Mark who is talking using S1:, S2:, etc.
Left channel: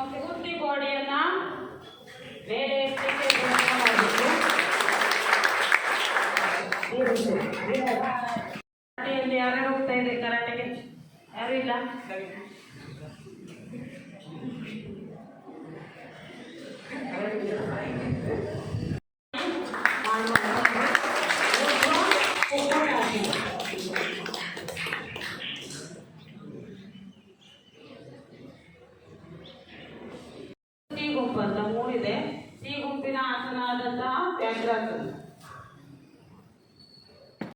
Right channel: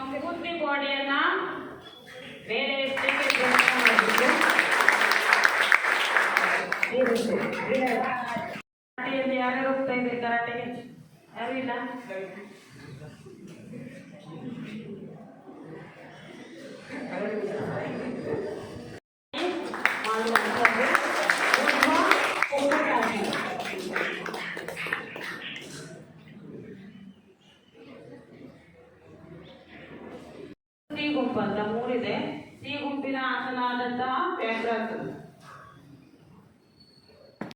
S1: ನಿಮ್ಮ ಪೂರ್ತಿ ಬಾಡಿಯನ್ನ ಬೇರೆ ಸ್ಥಿತಿಗೆ ಮಾಡಬೇಕು ಕರಾಟೆಯಲ್ಲಿ ಯಾರ್ಯಾರು ಹೋಗ್ತಾ ಇದೆ ಕರಾಟೆಗೆ ಯಾರು ಇಲ್ಲ ಸಿ ಗುಂಪು ಬಂಧ ಮೂಡಿದೆ. ಸಿ ಗುಂಪಿನ ಆಸನ ಆದಂತಹ ಪ್ಯಾಂಕ್ರಾಸ್